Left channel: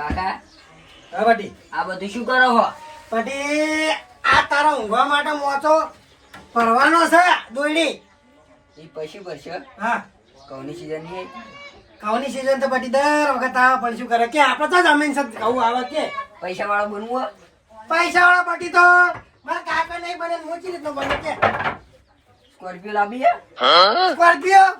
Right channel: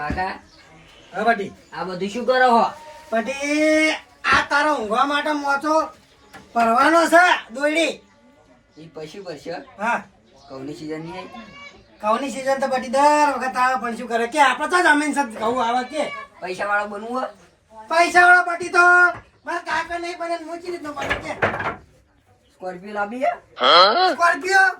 કાકા હા પાટી. આ બધું શું કરો હો? પાટી આ તારા ઊંઘવા માટે મોચો પરવાનો છે દોયડી. એ પછી પડશે. હા કૌની સીઝન ની આવી? ઘઉંની સીઝન તો પાટી દર વખત આવે પણ શું કરે કે આપણે તો જમીન છે ઘઉં આવે કે પૈસા વાળો બનવું હો? પૈસા વાળા પાટી તો મારા કાકા નહીં બને ને મોચી રીતનો બને કે સ્કોર્પિયો લાવી હે? સ્કોર્પિયો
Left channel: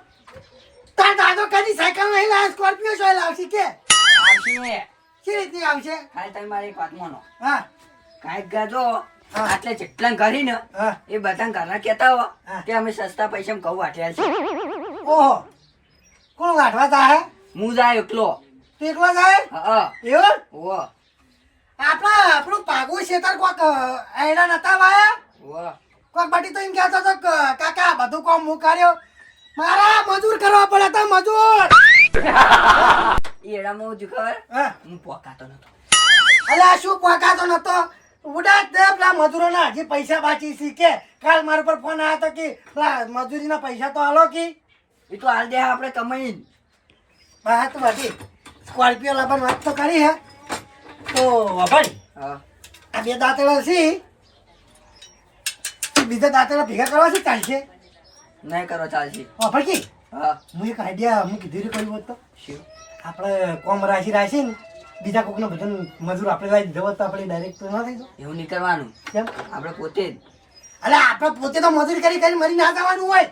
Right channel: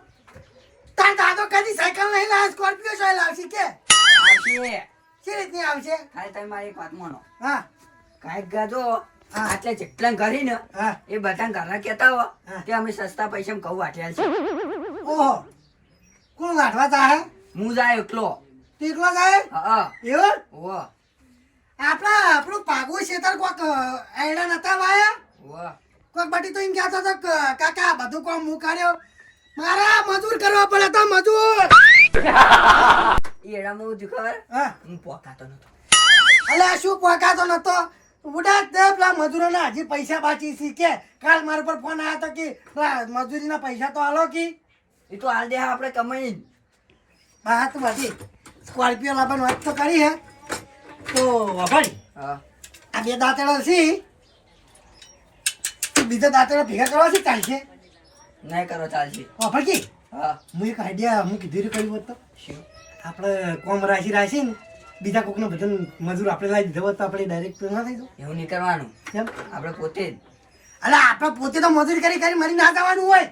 તાર દાદો કદી સાયકલ નહીં લાવે સ્કોર્પિયો શું લાવશે કે આવશે. શી રીતની આવશે? ખાલી તમે મારી એક વાત માનો. હા કાંઈક ગાજો હા. આટલે જેટલા ઘરી ને હા એ બધા ઘરના કહેતા હો હા. કે અમે સસ્તા પૈસા ઘઉં વાટ્યા છે. ઓહો કોણ વાટવા જાય હું જાય એકલો. તું એકલો જાય હા એવું ઓ આપણું પાગું શેતર કોક એડા નતા વાયા ઓ કોક બાટી તો એમ કહેતો હતો કે કાકા બધું કોમ હું કર્યો મારા મજૂર કરવા પડે તો મજૂર એડામાં હું ખબર હા હું પોકાતો નતો. અલ્યા શું પોકાતો નતો ઉડા દે પેલા મજૂરોના હજી પૈસા બાકી છે કે કાલ મારા પર ફોન આવ્યો હતો કે પેલા મજૂરીના પૈસા તો હાલો કે એ તો હાલ દે આપણે કમાઈ. વાત બધી સ્કોર્પિયો લાવવાની વાત તો કરી હે તો ભાઈ હા આ બે દાંતેડા છે બીજા દાંતેડા ભેગા કરવા છે ચાલશે નહીં કરો ચાલશે. ભાઈ હા હું એક આઈડિયા હું કીધું કર્યું હોત તો શું? આપણે કોમ રાશી ને બીજા કોકને બધા મજૂર આપણે લાવી દીધો હોત તો આપણે ડાયરેક્ટ ના થઈ જવું એવું નહીં કરવાનું. કેમ આપણે પોતે જ. અલે આપણે પોતે તો મજૂરી કરી મરી ના જવાનું હોય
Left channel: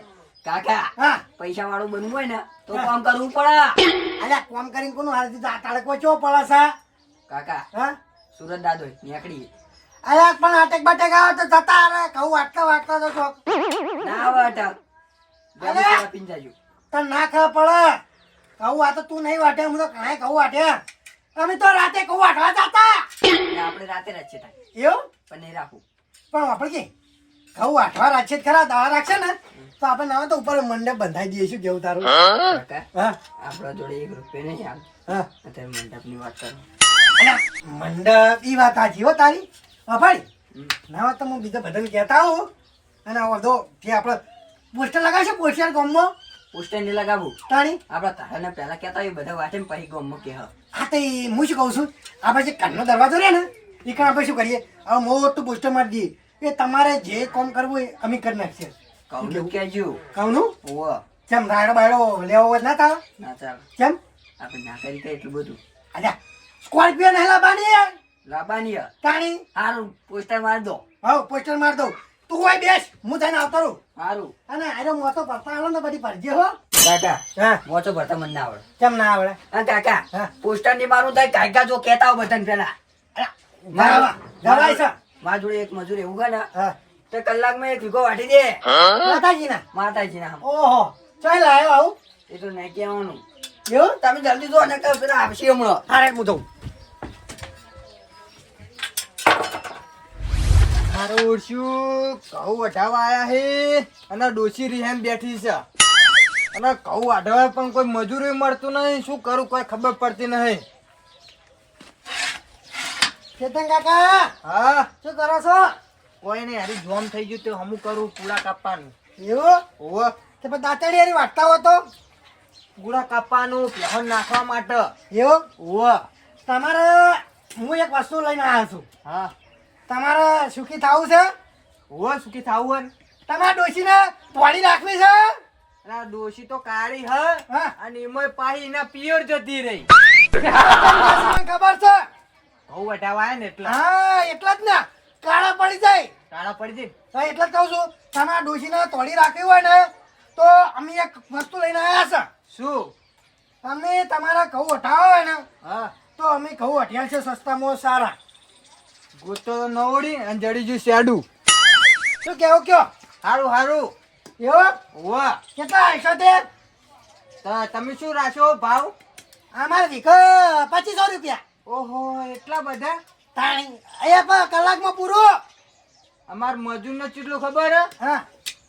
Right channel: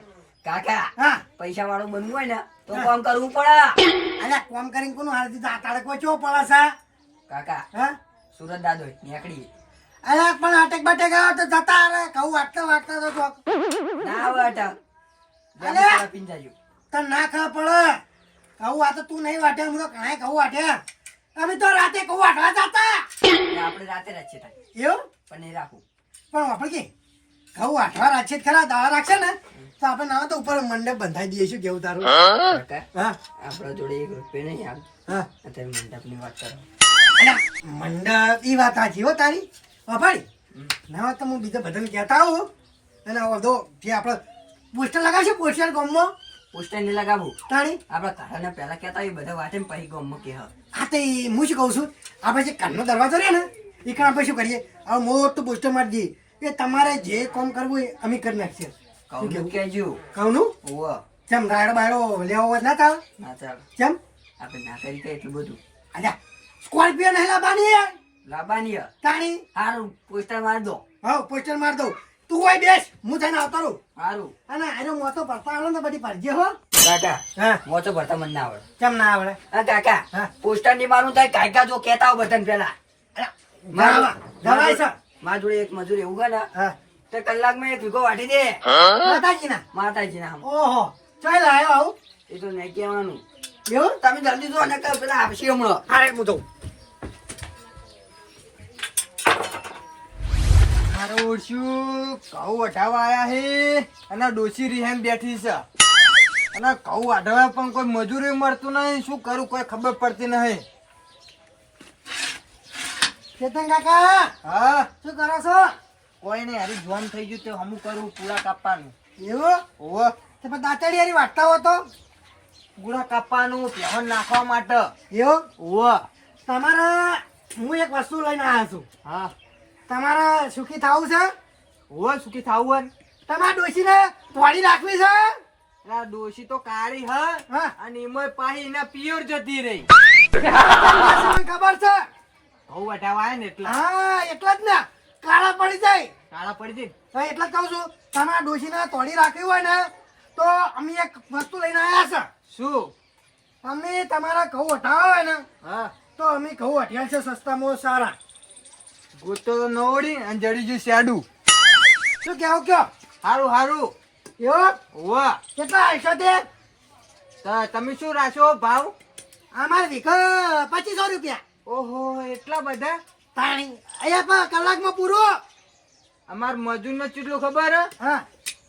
કાકા હા પૈસા વાળું બનવું હોય ને તો હા. કામ કરવું પડે. અલે કોમ કરીને કોનું હાલ દીધું આ તાળે કોઈ ચો પડે છે કાકા હા સુરત દાદો નીકળી અરે પણ આટેક બાટેક આવે તો જતા અરે કહું વાટતા તો ચોક ના આવે અટક. અરે! પીન જાજો. તને ના ખબર પડે કહું આ તો તું નહીં વાટે હું તો ઘણા કહું વાટે અમે તો રાતે કહું વાટવા જતા એટલે આપણે રાતે રાખીએ તારે. એવું પણ નહીં રાખું. પણ આપણે કે ઘઉં વાટવા રાખશે જ ખરા દાવા રાખશે ને તો આપણે ના તો ઉપર મંડપ બંધાઈ દઈએ શું કેવું તારું કાકા હા આપણા જોડે 1 રૂપિયો નહીં હાલ. હા અત્યારે મંડપની વાત કરો. અલા, મંડપ ઈ વાત સાચી હો તારી હા ભાઈ હમ. ના વાત તો હું બીજા બધાને કહેતા આવું અને આ બધો જે આપણે પોસ્ટર લગાવશે પોસ્ટર ગામમાં પોસ્ટર નહીં લગાવું. તાણી આપણા કાકાને પહેલા કહેતા હોય બધા વાટે પછી ગામમાં કહે. હા તો ઈ હું શું કહું છું આપણે જે કાનનો દરવાજો રહે ને એ કામ આપણે શું કરીએ હવે મોટું પોસ્ટર મારી દઈએ એ તમારે જે કામ કરવું હોય અમે કરી નાખીએ કહું કહેજો. કહુંનું ઓવો કેમ રાયડો બાયડો લેવો હોય ના થાય ના ચાલ. કેમ આપણે ના કરી કઈ એટલું બધું અલ્યા સ્કોર્પિયો નહીં લાવવાની લાવવાની હે. તાણી હારું પોસ્ટર મારી દો. હા પોસ્ટર માર દઉં તું હોય બેસ હું તને આવતો રહું હારું અને આનો મોટો ભરતા આવડે ને બધી ભરજે હો કાકા હા મોચો ભરતા મને ના આવડે. કેમ ના આવડે હા કાકા હા. પોસ્ટર ની મારું થાય કાકા જો કહેતા હોય બધાને પેલા. ગવાય છે મારા જોડે એક મજૂર એવું છે ને હા તો કલાકમાં 1 વીઘો વાટી દે માતાજીના માતાજીના આમ. ઓહો ચાલ આવ્યો આવું એ તો નહીં કહેવાનું. એવું તમે જલ્દી જો ને પેલા આવશે હમણાં. હારે હું જઉં મારું શું ઘઉં વઢાવા આયા હે અને ડોસી રીહેમ બેઠી છે અને ઘઉં વાઢવા પણ કોઈ મજૂરી મળતું નહીં શું કરું કોઈ ખબર પડતી નહીં. ચેતન કાકા હા શું કરો છો કોઈ નહીં હારી જોમ થઈ ગયું તો હમું કરું પૂળા કાપવાનું. એવું ઓવો તે પણ દાંતડી હારી વાટતા હો તો પૂળા કાપવાનું પહેણ નાખવા માટે. એવું ઓવો તમારે હું એક વસ્તુ લઈને આવ્યો છું હા તમારે સુખી થવું છે ઓવો સુખી થાવું હે. તમારા ડોશીને તોડી રાખવી છે અને આ ડોસી તો કાળી હ હા અને એમાં પાહી એના પિયર જતી રહી. તમને ખબર છે ઘઉં વઢાવા આયા ને એટલે હા એટલા જ ને કાળા પડી જાય કાળા પડી જઈ. હા એટલે જ કહું છું તમારા ડોશીને તોડી રાખવી હોય ને તો અમે એક વસ્તુ લઈને આવ્યા શું? છે તમે તમારા ઘઉં વટાવા હોય ને હા તો અમે ઘઉં વઢ્યા છે સસ્તામાં સારા ગોતો નવડી અને જડી ગયું શેડું. શું કેવું કયો હારું હારું. એવું ઓવા કેટલા આવીશો તે તમે શું રાખ્યો ભાવ? અમારે વીઘો 2500 રૂપિયા ઓહો એટલા બધા. તાણી અહીંયા કલાકમાં પૂરું અમાર મજૂર નો ચીટલું ખબર હે? હા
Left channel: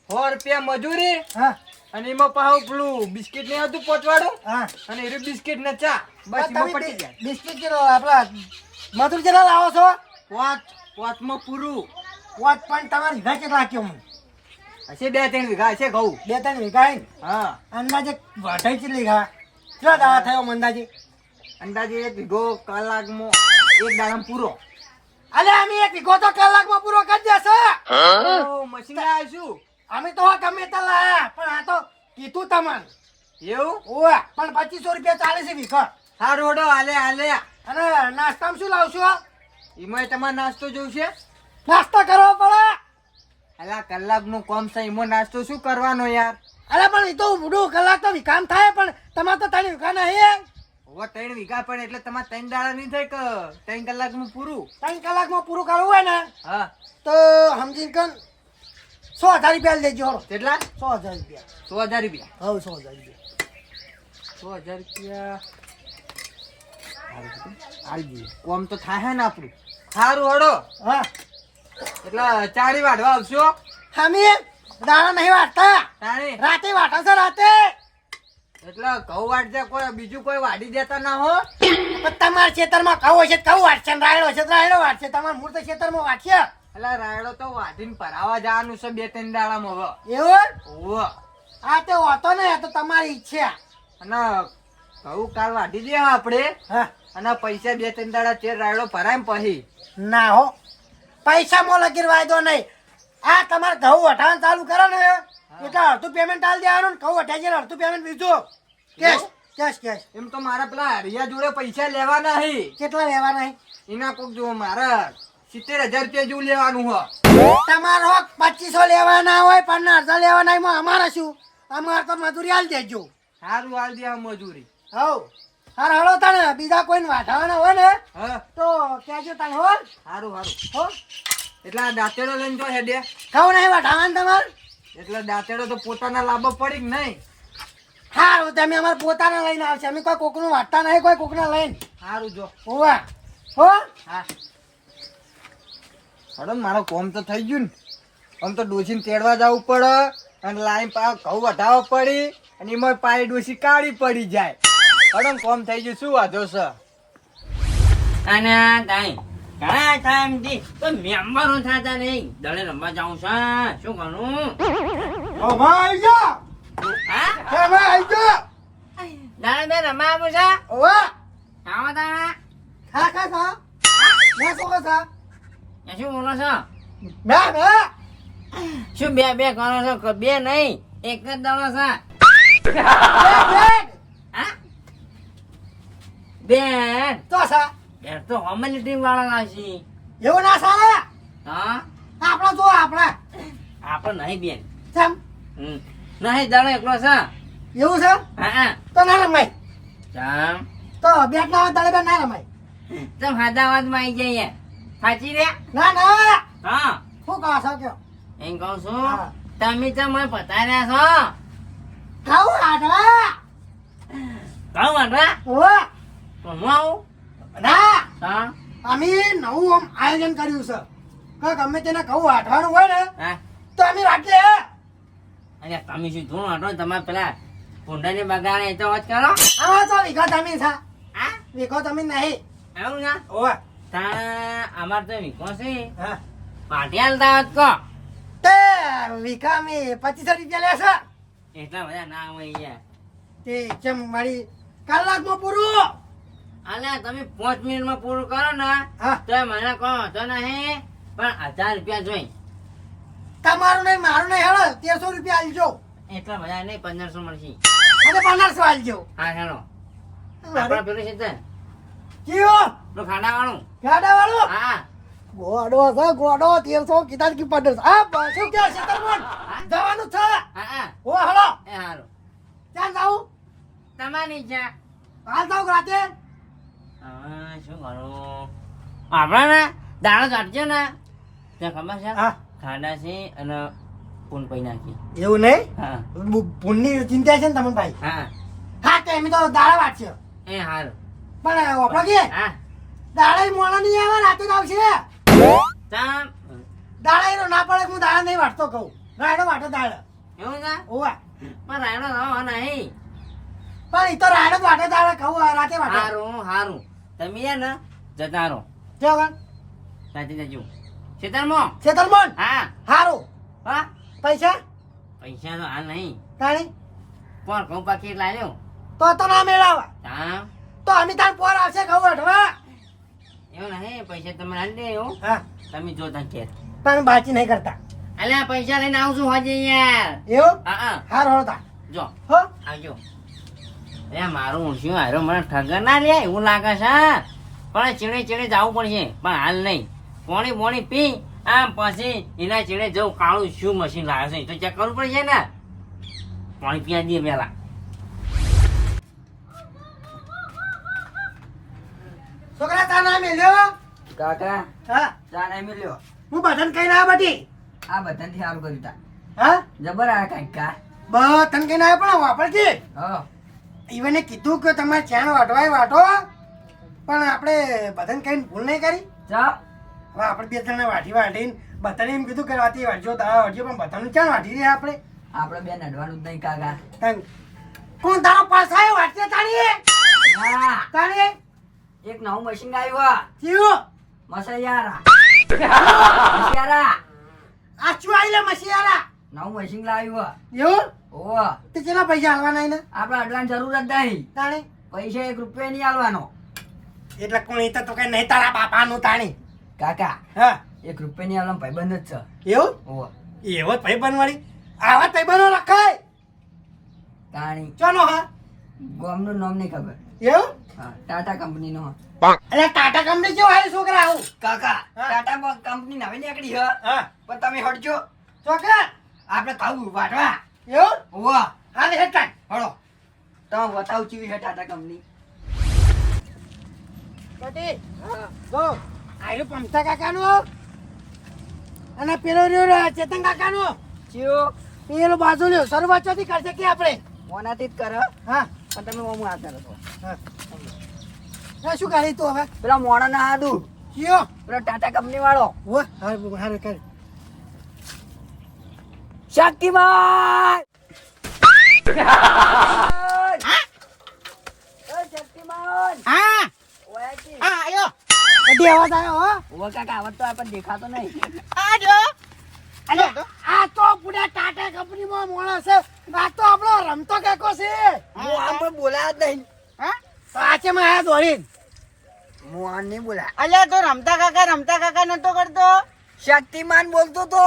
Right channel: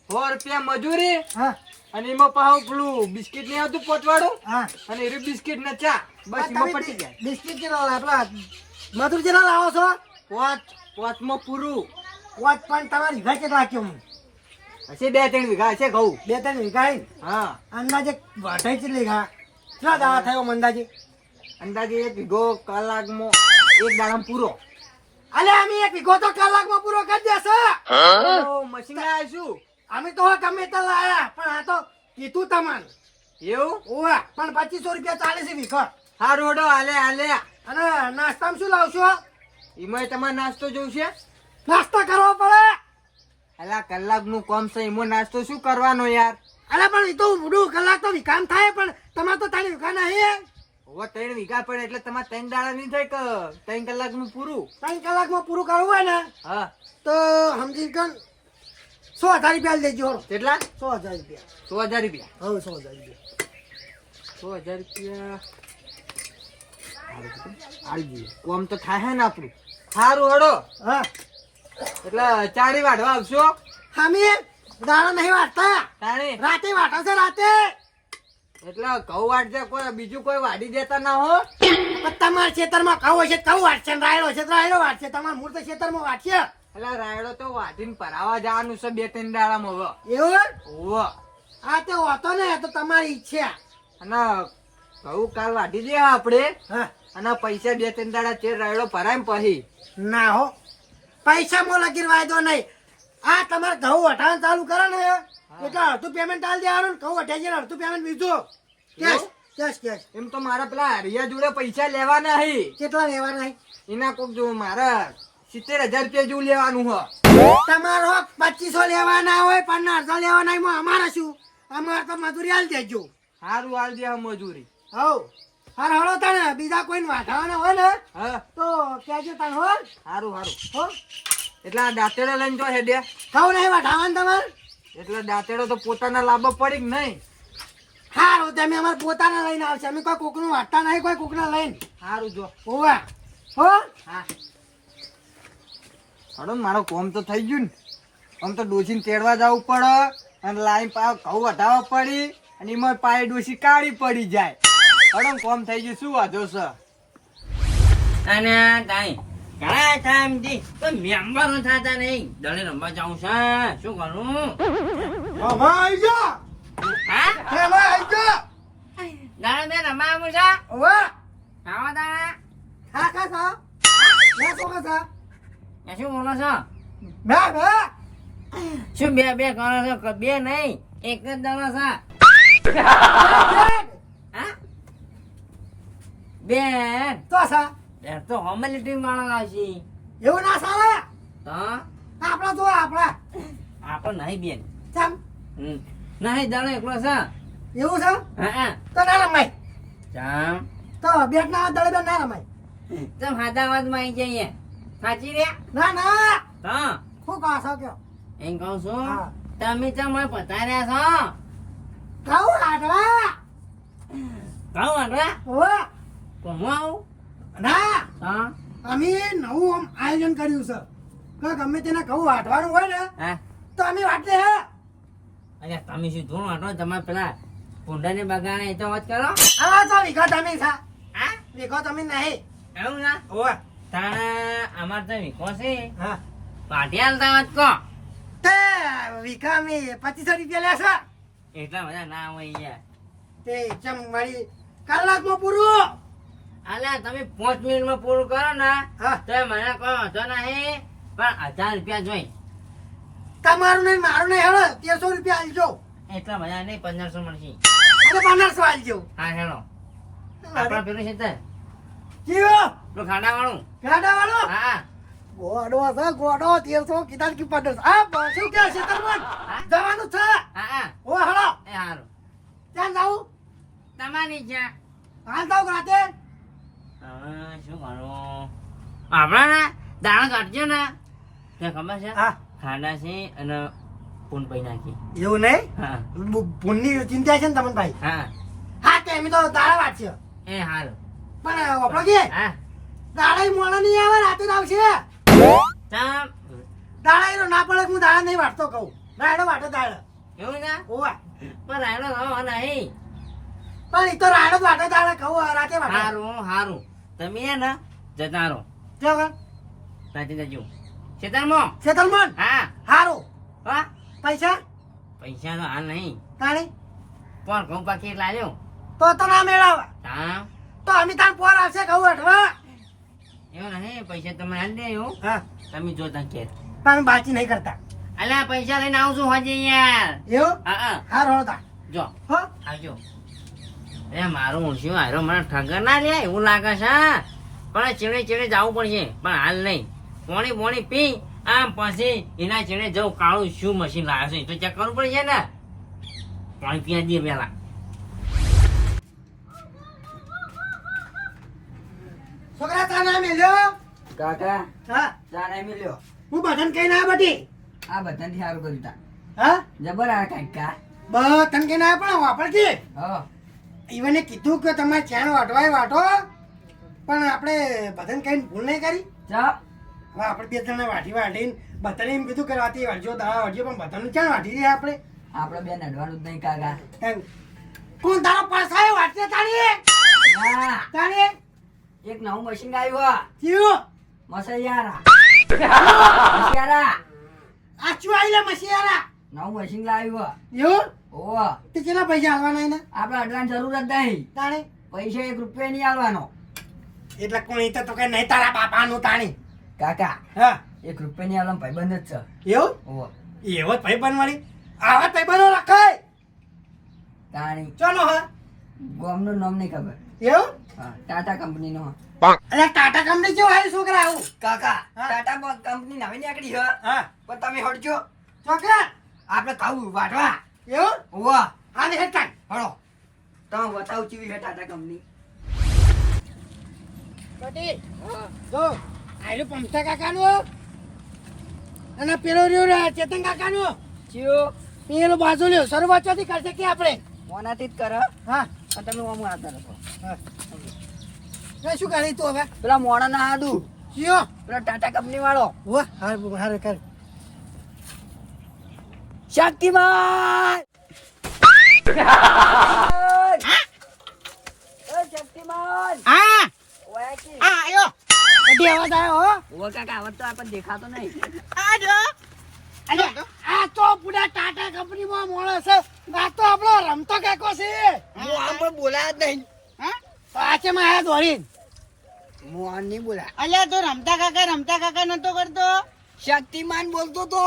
100 રૂપિયા મજૂરી હા અને એમાં પાછું પેલું બિસ્કિટ નહીં આવતું પોચવાડું હા અને એરું બિસ્કિટ ને ચા બસ એમાં પટી જાય. બિસ્કિટ આપડા મધુર જેટલા લાવો છો પોચમાં પૂરું. વોચ પણ તમારે વીઘા કેટલા રાખ્યો હું હશે 2-3 વીઘા હશે ઘઉં. 2-3 વીઘા હે ને? હા અંદાજે વાઢાઈ ચેટલી ઘા કેટલા દાડા થયો અંદાજે અંદાજે 1 વીઘો કલાકમાં 1 દાડામાં પૂરો. અલે અમે 1 વીઘો તો કલાકમાં પૂરો કરી દેશો. ઓ, મશીન લાયા છું. અમે તો ગમે તે લાયા પણ આ તો કીધું તમને. એવું? ઓવે પણ 2500 રૂપિયા ચાલે છે વીઘો. હારું હેડો, હાલે. અને નાસ્તામાં શું લાવશો? એમાંય તમારે નાસ્તો જોઈશે? નાસ્તો કરવો પડે. અલા, કલાકનું કામ છે, એમાં નાસ્તો શું કરવાનો યાર? અરે પણ એ તો ઊંડું કલાક તો વિકામ થાય પણ તમારે તો 3 વીઘા નહીં. હવે 3 વીઘા પડે એટલે તમારે 3 દાડા નહીં થાય કે 3 કલાકમાં પૂરું? 3 કલાકમાં પૂરું કરવું હોય ને હા. તો સમજી કન 100,000 રૂપિયા લેજો. હળો. કેટલા? 100,000 રૂપિયા. 100,000 રૂપિયા. હવે 100,000 રૂપિયા 100,000 રૂપિયા આવી ગયું. કોમ તો થાય ને આપણું. સારું હેડો, હા. એટલે ચાળી વાઢવા આવશો? અમે દાણા નહીં વાટતા, તાણી રાતે વાટા છે રાતે. એટલે ઘઉં વાટજે, કોઈ બીજું કોઈ વાઢી દેતા ના હો. પણ તમારા ખેતરમાં ઘઉં હશે તો ઘઉં વાટશે ને રાયડો હશે તો રાયડો વાટશે. તમારા મૂળ તો ખેતરમાં વાટશે. એટલે રાયડો તો વાઢીને ભરાવા જવાનું છે 2-3 દાડામાં હવે. એવું? ઓહો. આ તે હોતો ને એ તો તમારી ઈચ્છા. અને ઘઉં કાલ વાઢી દે આપણે, હા. અને પૈસા 2-3 દાડા ચેર રાયડો ભરાય ને પછી. ના હો, પૈસા મો લગીર વાયદો નહીં. આ તમારે ઘઉં વટાવાનું ચાલુ કરે ને એટલે અડધું પેમેન્ટ આલી દેવાનું ને ઘઉં વટાઈ જાય અડધું પેમેન્ટ બીજું કેશ કેશ કેશ. એમ તો મારા પેલા હરિયા જોડે પૈસા લેવાના હી. કેટલા લેવાના છે? એના કોક જો મારા 70,000 રૂપિયા જેવું લેવાનું હો. તમારો 2500 લેવાના હોય 15,000 લેવાના હોય, એમાં અમારે શું? અમારે તો મજૂરી આલી દેજો. સારું હાલ દે આ મજૂરી. હવ હાર હળો તને બીજા કોઈને વાઢાવાના હોય ને હા, તો કહેજો તને હો. સારું. હો એટલે આ દાંતેડો લઈને તો હેડે, ઘઉં નહીં વાઢાવાના તમારે? એટલે દાંતેડો તો પોતાના લાભ પડી કે નહીં? હારું તમે અમારે પોતાના લઈને આવશે. અમે કોઈ કોકનું વાટતા નહીં, કોઈ કોકના લઈને. સારું જો. હોવા હો. હા હડો, મારો કોમ તો થઈ ગયું ને. આમ તો ડોસીને તેડવા જવું પડે અને લાઈન પા ઘઉં વધાવવા પડી અને એમાં પાય ડોસી કાળી પડી જાય. હડો, કોમ થઈ ગયું, શું વાંધો છે? અને તાઈ ઘણા ટાઈમથી તો મેમ્બરો થતા નહીં. દળે રમવા જાઉં છે, શું કરું? ઓ ભાઈ જા. હા, હે ભાઈ જા. દળે બે રમવા આવું છે. ઓવા આવો તારા ખા ખા ખા. ના તો ખા. એ શું બોલો છો? ના ના. શું બે બે કરો છો? બે નહીં, એક જ દળો છે. હા, બેન તો સા બેન તો હોમની ટીમ વાળા આવશે. એવું ના સારા. હા, આપણા તો આપણા આપણે નહીં બેન. ચમ નહીં, દળો એકલો છે. એવું છે હા, તો ના રમાય. ચમ તો બેટ ના દળે બે ના રમાય. તમે હાદાવાદમાં આવી જઈએ. સાચી રે? ના ના. હા, શું કહો છો કયો? એમ કહું છું, હા. તમે તો મને પતાર્યા છો. ઘઉં આડવા. કહું વાંધા ઓવા તો હું આવું. ના. હા, અમે નવું આમ આયોજન કર્યું છે કે ગમે તેને ઘઉં વાટવાનું હોય ને હા. તો અમે વાટીએ. અને તમે શું ધૂણ વાટો? તમારે પેલા ભૂંડાને બગાડે એ તો વાત કરો. હવે તો વીઘો તમે છે. હા, વીઘો તમે નહીં. એવું ના ઓવા તાણે અમારે તો વીખો છે. હા પાટી હાલતા હોત કહો. તે વીઘા અમે 2500 રૂપિયા લેશે. એટલા બધા ના હોય યાર. તે જેમ મારી કલાકમાં પૂરું. અલ્યા તમે 5 મિનિટમાં પૂરું કરો ને હા તો મને કહો તો નહીં, પણ 1000 રૂપિયા જોઈ. તમારું નહીં મારું નહીં હેળો 1300 રૂપિયા આલજો. એટલા બધા નહીં, 1500 મળશે. અને 1500 આલજો. હા હેલો, આપડે પેલું છે તે કયો પેલું ખાડા વાળું. ગાડા વાળો હા, ગોડો છે ગોડો 1300 કીધા કે 1500. હા શું કે છે તમને જવાનું છે? હા. ઓ હેળો એ હારું, ક્યાં જાઉં? તમારી ઈચ્છા. હાલ જાઉં રાતે. હવે શું કરું? આપણે ને દાણો કાઢજો ને તે ખબર છે, હા ખાડા છે અને પૂન પૈ નાખી. એવું નહીં હા ભૂનની ચિંતા છે ને તમને ભાઈ. હા, હા તે અમે તો દાડા વાટશે એ હારું. પણ આપણો કે હા, દાડા મોડા નહીં આવે રાતે જ આવશે. તમ દાડા એનો ના પડે કે હું દાડા નહીં વાટતો કહું. રાયડો વાટે દાડા. એવું છે, ઓવા પણ રાયડો રવા નહીં. પણ એ તો રાયડો જ વાટે દાડા કહું રાતે વાટે. હારું હારું, તમે એ ને જતા રહો. કેવા સાચી જજો ખેતરમાં. છેતરમન હા હારું. હા, પૈસા પૈસા તો હાલ નહીં, તાણી પણ ઘઉં પાકી લાવ્યો. તો ના મેળાવા. હા, તો અમે તાર પોર આવશે ઘઉં વઢવા. એવું નહીં પૈસા તમે હાલ દે એવું હા તમે જોતા કે પણ બાકી નહીં કરતા અલ્યા પૈસા લઈને આવશું હોજે યાર એવું હા હાર હોતા જો હો આવજો એ મારું ઊંચું હારો મને ઠગર ના લે એવું લાગે છે પણ ચેડે ચેડે જવું પડશે પણ હાલ નહીં પોણી પોણી પી આમ પછી એના ચેડે જવું કાળું શું મશીન લાગે છે એ તો ચેક કરવું પડશે ને પાણી પીવા દે પેલા છોકરા તાર નામ મેલ્યો કાકા હા ચા નહીં મળ્યો. હું બધાને કહીને આવ્યો બટી આ બધાથી સારું કર્યું તા. હા જબર આ કાંઈક કા. બધાને કહીને આવ્યો પણ વાપરતી હા ઈવને કીધું કે તમારે ચાણ વાટવાય વાટો પણ આપણે બધાને કહીને ભૂલ નહીં કરી ચા હવે આપણે બે જણા વાટીને બધાને એમ કીધું કે રાતે વાટજો દાવા વાટજો પણ બધાને ચાણ વાટી રહ્યા આપણે આપણે બેન અડવાનું જ નહીં કાકા. કોણ તારો પાસ આવ્યો વાટશે તારી ના તારી એક નવું મશીન આવ્યું. જીવો મસૈયારા મસૈયારા આ શું આવીલે મસીયારા નવું મશીન લાવ્યું. એવું ઓહો તે કેટલા પૈસા આલવાના એને આપણે અડવાની જરૂર જ નહીં. તાણી પૈસા 1 રૂપિયા નહીં આલવાનો. એટલે કોણ એ તો કઈ નહીં તારા બાપાનું તાણી કાકા હા 1 રૂપિયા નહીં આલવાનો ભાઈબંધ જ છે. એવું ઓહો એવો જ ભાઈ બનવાળી આવા ભાઈ બનો રખાય તાણી ચાલો હા ગામનું નામ નહીં ખબર. એવું હા ટાટા કંપનીનો. અરે ટાટા કંપની જેવો આવ્યું છોકરા આવું કાકા હા. ટાટા કંપની નવી નીકળી છે હા પણ તમે હટજો. છોકરા આપણે ખાવું વાટવા. એવું ઓહો હાલે હેડકાન હળો તમે બતાવું કેવી છે ટાટા કંપની. બટી જો આયલું પમતા કાકાનું અને પેલો રહ્યો ચેતન કાકાનું ચિયો પેલો બાજુ લ્યો શરૂઆતથી કરશે કે આપણે મોનાથી જ કર હા પણ તમે ઓમ આવતા રહો. હા શું કરી તું હવે પેલા મોણા ના આદુ જીઓ પેલા ટાટા કંપની વાળો હો હારે કરી શક્તિમાન શક્તિમાન હા આયો બધી અવાજ આવ્યો હો ઓહો કાકા આવડતો આપણને દેખાતો નહીં. અરે આ તો પૂરા ટાટા કંપનીમાં માણસ છે આ તો આપણો રમતો કેકો છે હું આમ પણ બોલાયા જ નહીં. પાછે માં આયા દોડીને હું આમ નહીં બોલાયા. અલ્યા તો રમતા કાકા નતો કરતો શક્તિમાન બોલતો તો.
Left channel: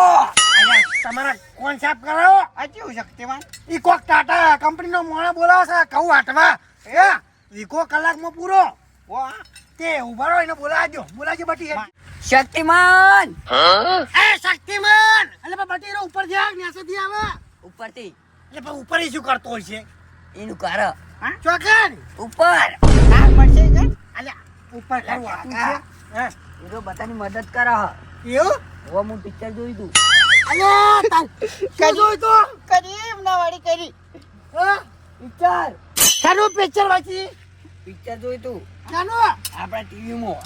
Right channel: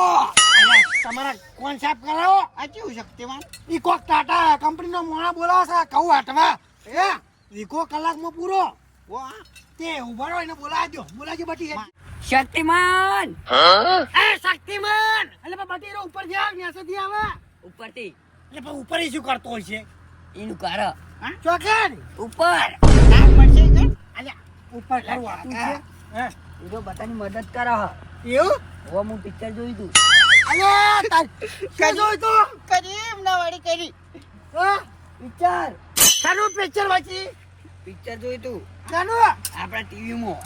અલ્યા, તમારા કોણ સાફ કરો આ કેવું શક્તિમાન ઈ કોક ટાટા કંપનીનો મોણા બોલાવે છે કહું વાટવા એ વીકો કલાકમાં પૂરો તે ઉભા રહો એને બોલાવજો બટી શક્તિમાન એ શક્તિમાન એટલે પણ બટી રો ઉપર જા ન્યાસેથી આવે ઉપરથી એટલે પણ ઉપર ઈ શું કરતો હોય છે એનું કર ચોકન ઉપર. કામ પડશે કે અલ્યા ઉપર કરવા કાકા. હે એ તો બધાની મદદ કરે. એવું હવે હું પિક્ચર જોઈ તું. અલ્યા તાર શું જોઈ તું કરી એમના વાળી કરી હા પિક્ચર શાનું પિક્ચર વાંચી પિક્ચર જોઈ તું શાનું આપણા ટીવીમાં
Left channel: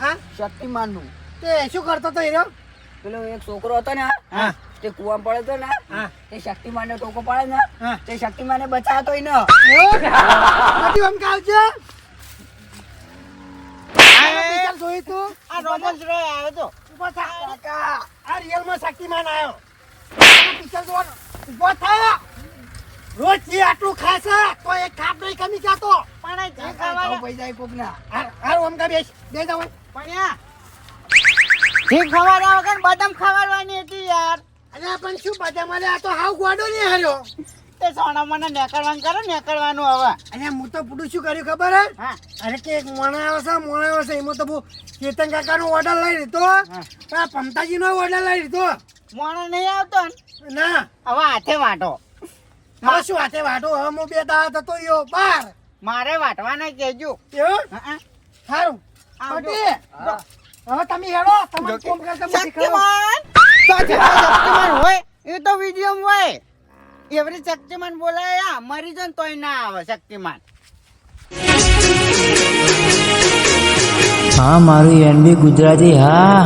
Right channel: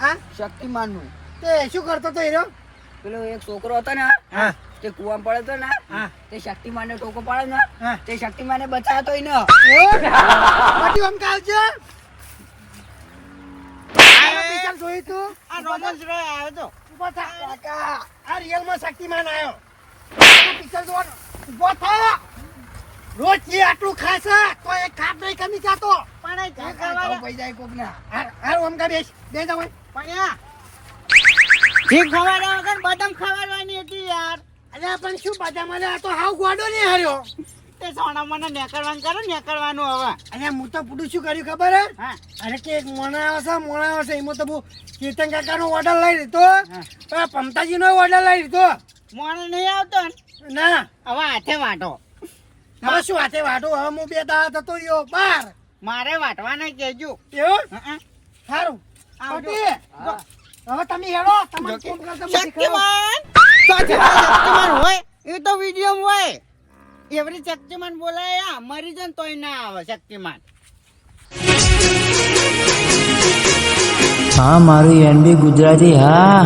હા શક્તિમાન નું. તે શું કરતો તો એનો પેલો એક છોકરો હતો ને હા તે કુવામાં પડ્યો હતો ને હા તે શક્તિમાન ને ટોકો પાડે ને હા તે શક્તિમાન ને બચાવતો ય ને. બધી આમ કાવ છે પિક્ચર જોયું તું આ રોમન્સ રોય આવ્યો તો ઉભો થા કાકા આ રિયલ માં શક્તિમાન આવ્યો પિક્ચર જોવાનો ઉભો થા રોજ જે આટલું ખાશે તો એક ખાપ નહીં કમી જાતો પણ આ કાકા ઝાંખા ખાવું પડી જાય કોકના. હા ઓમ કા બેસ જાવ પણ આ ઠીક ખવાડ્યા વગર બદામ ખવાડવાની હતી યાર અલ્યા પણ શું બધા મને આ તો હાવ ગોડો નહીં હાર્યો તે સોના મને નેકળવાનું હવે અલ્યા હું તો પૂરું શું કર્યું ખબર હે હા અરે કે એક મોણા આવે છે એમાં તો હું ચેતન કાકાનો ઓર્ડર લઈ લીધો પણ પમતાજીનો ઓર્ડર લઈ લીધો મોણો નહીં આવતો ને ના હવે હાથે વાટો હવે શું હાથે વાટો હવે હું બે દાડા થતો રહ્યો બાર મારે વાટવાના કહેજો એવું હા સારું આવજો. પટી હવે તમે હેડો તમારે કોમ કરતા મને શીખવાડો. શક્તિમાન હોય એ તો વિડીયો હોય એવરી શક્તિમાન બોલાય મરી જાય ને તોય ના આવે શક્તિમાન હા મારું એનબી ગુજરાતી હા